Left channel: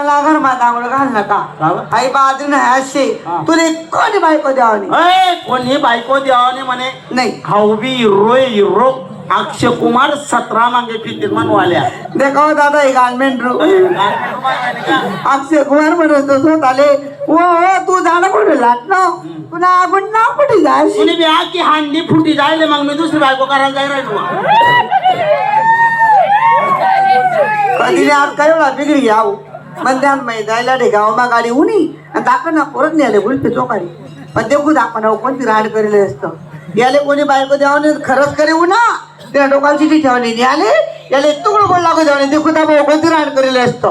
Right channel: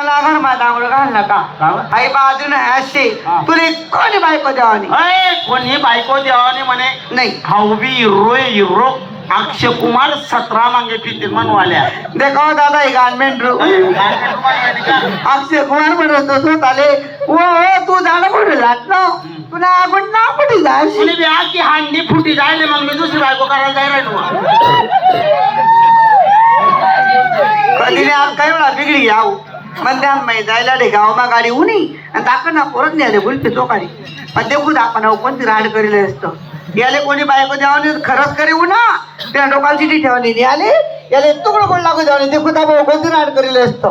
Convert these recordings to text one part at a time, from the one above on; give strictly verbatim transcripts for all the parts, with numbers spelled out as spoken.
लागल माझा अंगड घाल नका आई बाजून असे तुला कोणी बायको द्यावानी कोणी बायको द्यावानी म्हणे नाही हवी हिरो हिरो अक्षय कुमार सतरा मागे फिरतील म्हणवाल्या देखो दादा हे गारमेंट अक्षय कुमार म्हणत होत आले ओ तू जाणं कुठे जात ना तुला आपण ना कुठे जाशील बी आजची हांडी फुटी जायले मग मी दुसरी बायको करायला जायला कधी आज काय वेळा बिगडी घ्याव मंद्यान माही जायला रे गावमा गाडी उनी आणि दाखव ना परत नाही आले बोलते तो काढी पण देखू आपण कोणती राड करेल असतं याले कोणी बायको द्यावाने खरंच करे ना त्या डोकांची ती ठेवली नाही आले याले तुकडं कोण लागू द्यावणे देखू त्या कोणती राड करेल असतं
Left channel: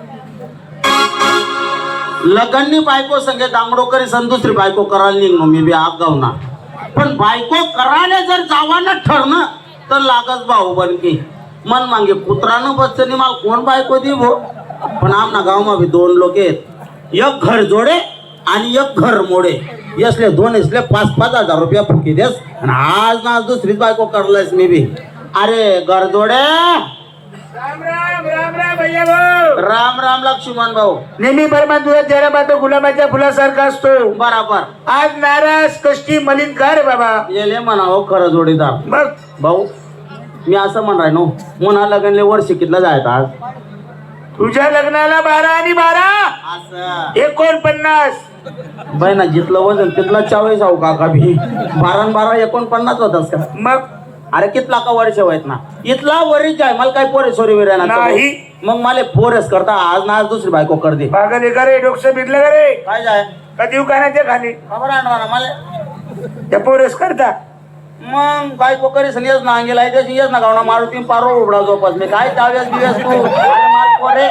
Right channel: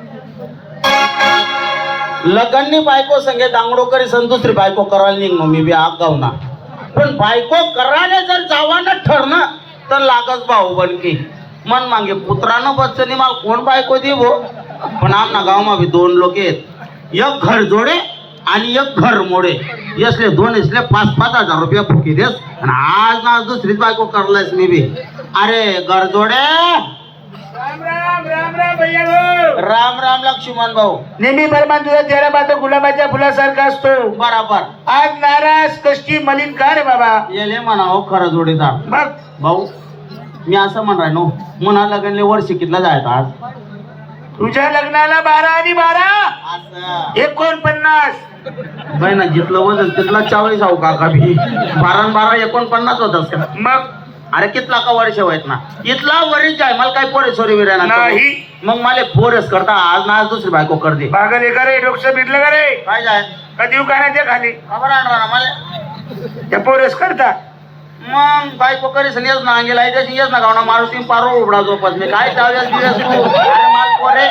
लग्ननी बायको संगे दांगडो करे सन दुसरी बायको करायला निघलो मी बी आगाव ना पण बायको करायला जर जावानं ठरणं तर लागच भाऊ बनकी मन मागे पुत्रानं बच्चनी मला कोण बायको दे भो पण आमना गावमा बी दोन लोक आहेत एक घर जोडे आणि एक घर मोडे यसले दोन इसले पाच पाच हजार रुपया फुकी देस आणि आज ना आज दुसरीच बायको करलायस मी बी अरे घर जोडे राम राम राम राम भैया राम राम लक्ष्मण भाऊ नेहमी परमान तुला चेहरा पाहतो गुलाबाच्या फुलासारखा असतो बराबर आज नाराज कष्टी मलिन का रे बाबा येले म्हणावं खरं जोडीदार बघ भाऊ मी असं म्हणराय नो म्हणा लग्नले वर्ष कितला जायचं आज तुझ्या लग्नाला बारा आणि बारा एकोणपन्नास बाय जिथलं वजन तिथला चाळीस आहो काका भी बारा बारा एकोणपन्नास होतास का मग अरे कितला का वर्ष व्हायत ना इथला वरीच आहे मला काही पोरे सोरी विरा नाही मग मला पोरेस करता आज ना आज दुसरी बायको कर दे पागल हे का रे डोकं बिरलं का रे काय जाय कधी उकाना ते खाली खबर आणणार ना मला त्या पोरस करता मग बायको करीस येस ना अंगेला त्याची येस ना गावना मारुती पारो उबडा झोपस मी काय चाव्यास दिवस तू अरे माल पोरे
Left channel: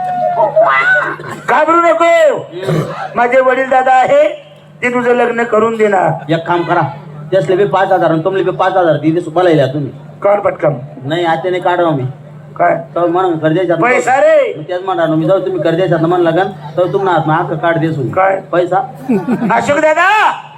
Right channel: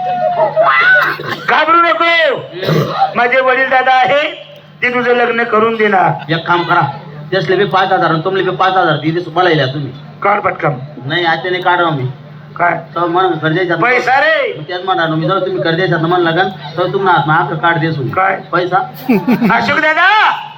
घाबरू नको माझे वडील दादा आहे ते तुझं लग्न करून देणार एक काम करा त्यासले बी पाच हजार तुमले बी पाच हजार दिले बोलायला तुम्ही कर पटकन नाही आज त्याने काढा मी काय तर म्हणून कर्जाच्या पैसा रे त्याच म्हणा मी जाऊ तुम्ही कर्जाच्या मन लागन तर तुम्हाला हात कार्ड देसून काय पैसा अशोक दादा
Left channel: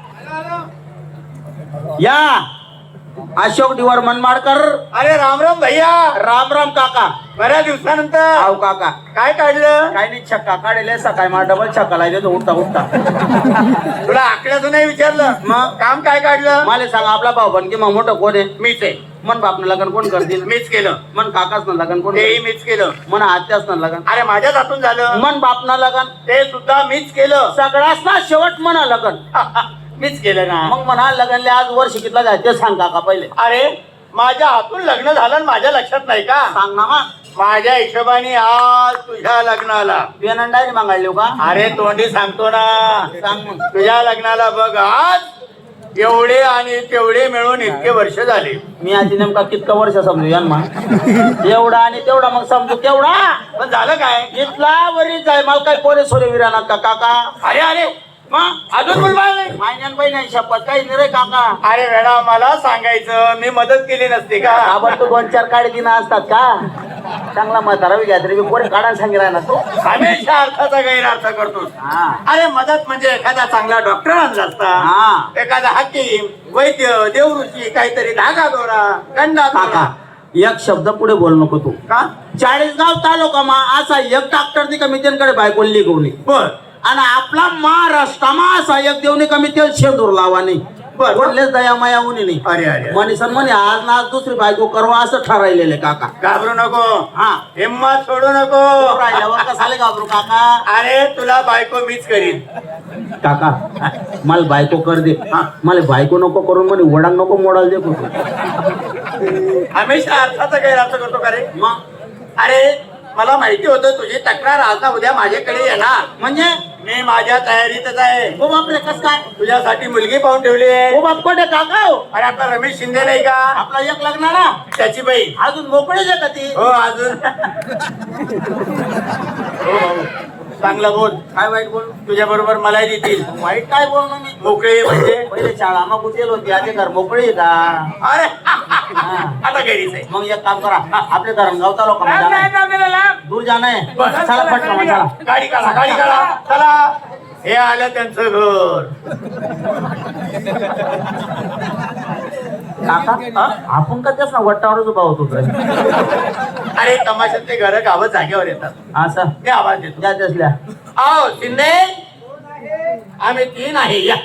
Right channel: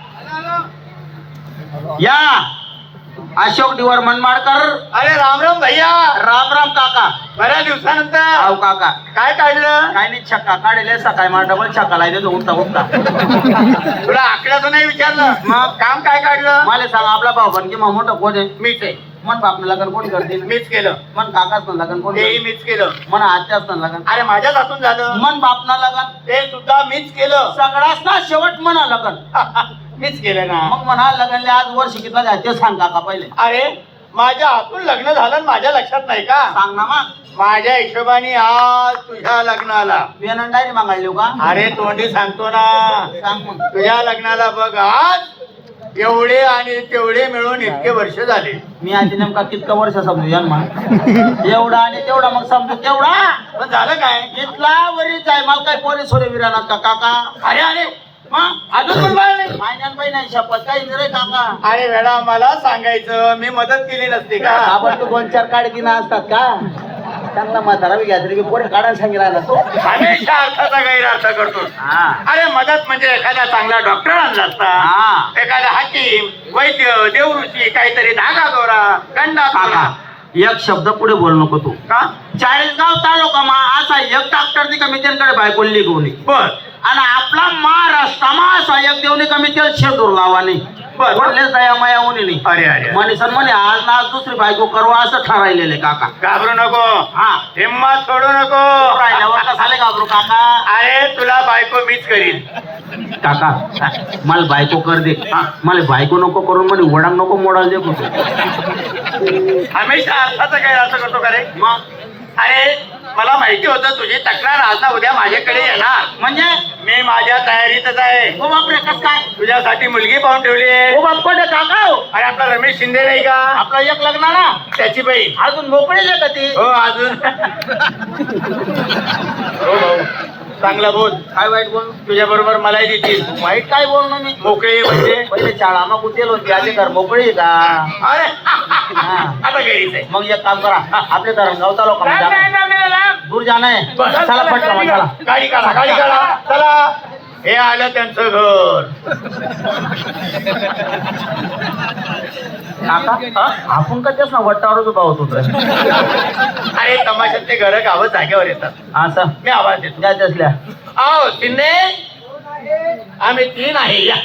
या अशोक दिवार मनमाडकर अरे राम राम भैया राम राम काका बऱ्या दिवसानंतर आव काका काय काढलं काय नाही छक्का काढले सकाळी मला डबल छक्का लाय देतो उठता उठता तुला आकड्याचं नाही विचारलं मग काम काय काढलं मला सांग आपला भाऊ पण की मग मोठं कोण आहे मीच आहे मन बापनं लग्न कोण करतील मीच केलं मन काकाच ना लग्न कोण तेही मीच केलं मन आत्याच ना लग्न अरे माझ्याच हातून झालं मन बापनं लग्न ते सुद्धा मीच केलं सगळ्याच ना शेवट म्हणा लग्न मीच केलं ना मग म्हणा लग्नले आज वर्ष कितला जाय ते सांग काका पहिले अरे माझ्या हातून लग्न झालं आणि माझ्या लक्षात नाही का सांग ना मग माझ्या हिशोबाने आज तुझ्या लग्नाला पेन डायरी मागायलो का अरे तोंडी सांगतो ना सांग मग तुझ्या लग्नाला बघ आज एवढे आणि तेवढे मिळून इतके वर्ष झाले मी आधी नेमका कितका वर्ष समजू या मग एवढा आणि तेवढा मग समजू तेवढा पण झालं काय इथला वरीच आहे मला काही पोरे सोरे विराना का काका अरे अरे मग अजून कोण नाही महिन्यान बाई नाही शपथ काही नाही रे काका अरे वेळा मला सांगायचं मी मदत केली नसती का आपण तू दोन चार काढ दिना असतात का चांगला म्हातारा घ्या तरी पोरे काढायला सांगितला ना तो हमेशा अर्थाचा गैरअर्थ करतो हा अरे मदत म्हणजे एखादा चांगला डॉक्टर आणला असता हा एखादा हाकीम वैद्य देवऋषी काहीतरी धागा दोरा गंडा काका एक शब्द पुढे बोल नको तू का चाळीसगाव तालुका मा असा एक डॉक्टर नी कमी त्यांकडे बायकोली घेऊन बर आणि आपला महाराष्ट्रामा असा एक देवनी कमी तेल शेदूर लावा नाही बोललेच दया माया उनी नाही अरे अरे मनीसन म्हणे आज ना आज दुसरी बायको करवा असं ठरायलेले काका घाबरू नको हा हिम्मत सोडू नको राहिल्यावर कसाले घाबरू काका अरे तुला बायको मीच करीन काका मला बायको कर दे मला बायको नको करून म्हणे वडांग नको मोडाल दे कुठे हमेशा अर्थाचा गैरअर्थ करतो का रे मग अरे मला माहिती होतं तुझी तक्रार आज ना उद्या माझ्याकडे येणार म्हणजे मी माझ्या तयारीतच आहे ओ बापरे कस काय तुझ्यासाठी मुलगी पाहून ठेवली आहे ओ बाप कोण काका हो? अरे आपला रमेश शिंदे नाही का आपला एक लग्नाला त्याची बाई अजून मोकळीच आहे का ती हो अजून हो भाऊ चांगला बोल काय वाईट बोल तुझ्या बरोबर मलाही देतील वाईट काय बोललो मी मोकळे म्हणजे पहिले शाळा मग कुठेल होती आधी घर मोकळी आहे का अरे आता घरीच आहे मग एक काम करा आपले धरणगाव तालुका दूर जाणं आहे चला पटकन मग, चला गाडी काढा गाडी काढा चला हे आलं त्यांचं घर काका हा? आपण का त्याच ना वट्टावरच उभा होतो तर. अरे तमाशाचे घर गावं जागेवर येतात असं मी आवाज देतो त्या त्यासल्या आओ शिंदे आम्ही तीन आहे या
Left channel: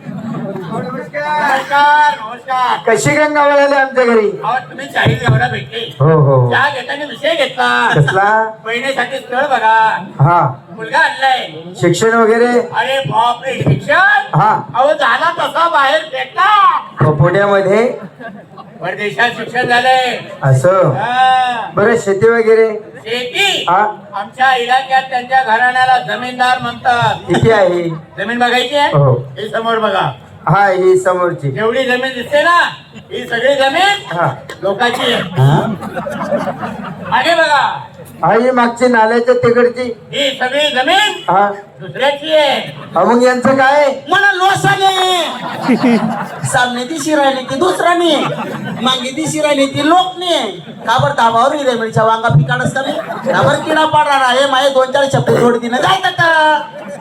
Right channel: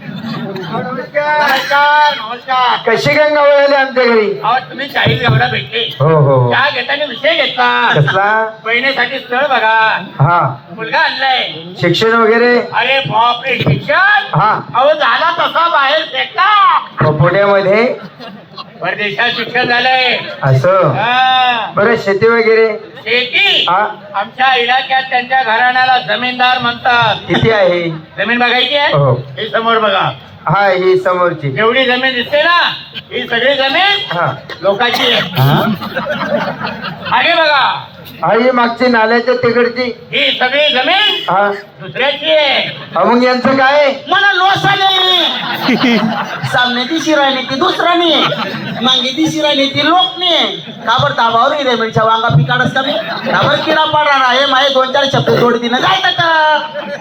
नमस्कार नमस्कार कशी गंगा वळाली आमच्या घरी? अहो तुम्ही चाळीस एवढा भेटले हो हो चहा घेताना विषय घेतला कसला? बहिणीसाठी स्थळ बघा हा मुलगा आणलाय शिक्षण वगैरे? अरे बापरे शिक्षण हा अहो झाला कसा बाहेर फेकला पुण्यामध्ये परदेशात शिक्षण झालंय असं. हा. बरं शेती वगैरे? शेती हा आमच्या इलाक्यात त्यांच्या घराण्याला जमीनदार म्हणतात किती आहे? जमीन बघायची आहे हो. हे समोर बघा हा ही समोरची. एवढी जमीन दिसते ना ही सगळी जमीन हा लोकांची आहे हा आगे बघा हा, ही मागची नाल्याच्या तिकडची. ही सगळी जमीन हा दुसऱ्याची आहे हा, मग यांचं काय? मला लोसाने सामने ती शिरायली ती दुसराने मागे ती शिरायली ती लोकने काबर दाबावर रे मिरच्या वांगा पिकाडस का मी काबर किडा पाडणार आहे माझे दोन चार शब्द जोडती ना काय करता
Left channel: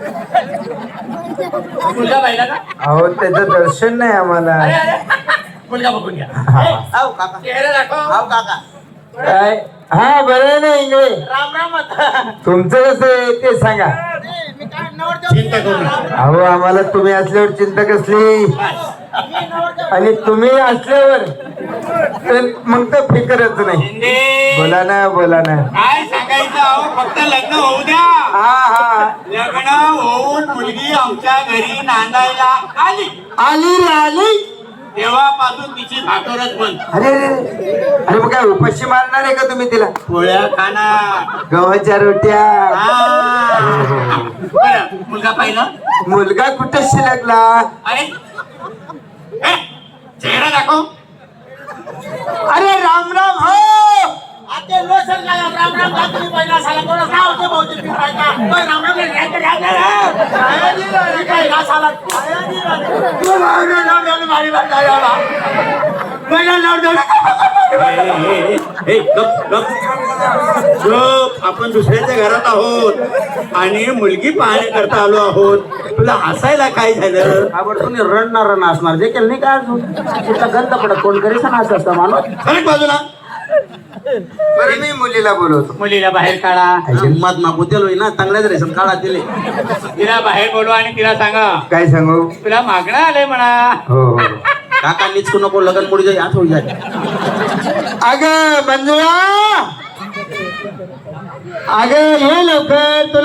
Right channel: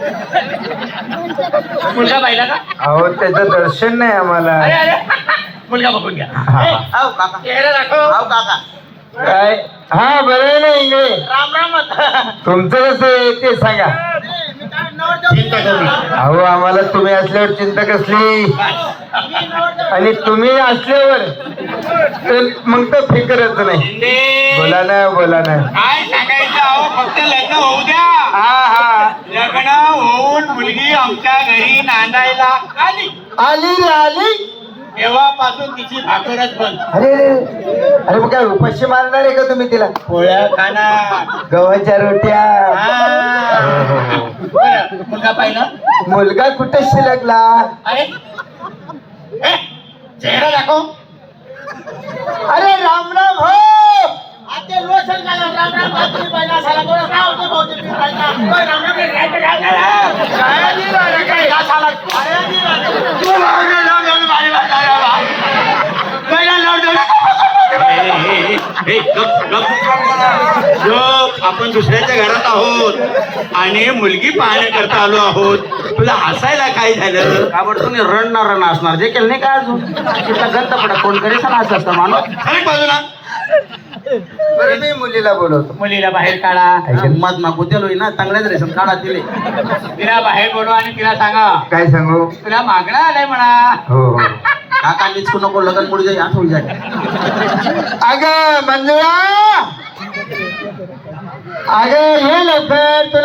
मुलगा पाहिला का अहो त्याचं दर्शन नाही आम्हाला. अरे अरे मुलगा बघून घ्या हा. ए, हाव काका चेहरा दाखव हाव काका काय? हा बरं आहे ना इंगळे. राम राम आता. तुमचं कसं आहे ते सांगा. चिंता करू नका. अहो आम्हाला तुम्ही असल्यावर चिंता कसली? आणि तुम्ही असल्यावर तर मग तर फिकरच नाही. शिंदे, बोला ना बोला ना. काय सांगायचं अहो फक्त लग्न होऊ द्या हा हा लग्न होऊन मुलगी आमच्या घरी नांदायला आली आली रे आली. तेव्हापासून तिची भाकरच बंद अरे अरे अरे. अरे मग काय उपाशी मारणार आहे का तुम्ही तिला? पोळ्या खाणार गव्हाच्या रोट्या. हा. बरं, मुलगा पाहिलं मुलगा कुठे शिलकला? अरे ए, चेहरा दाखव अरे राम राम हो. आता लोसन घाला राम राम भाकरी पाहिला साला कोणा काय होते बहुतेक मी पाहिला पण राम राम काय काय काय काय काय दिलं रे काय घास आला काय दिलं तू माझ्या नावाने माझी वाट लावा. पहिला नाव देऊ. गप, आपण दुसऱ्याच्या घरात आहोत आणि मुलगी पाहण्याकरता आलो आहोत तुला हसायला काय झालं काबर तुम्ही रण ना रण असणार जे केलं नाही का अजून तिथं गंत पडत कोण करी सण असं असतं माणूस खरं बाजूला बरं नाही मुलीला बोलवतो. मुलीला बाहेर काढा मत ना बुद्धिलो ना चांगल्याच रेशन काढा दिले तिला बाहेर बोलवा आणि तिला सांगा काय सांगू? तुला मागणं आलंय म्हणा हो हो. काका निचकू नको लगन पुढे जाई आत होई जाय अगं मंजुळा, अगं हे लवकर तुला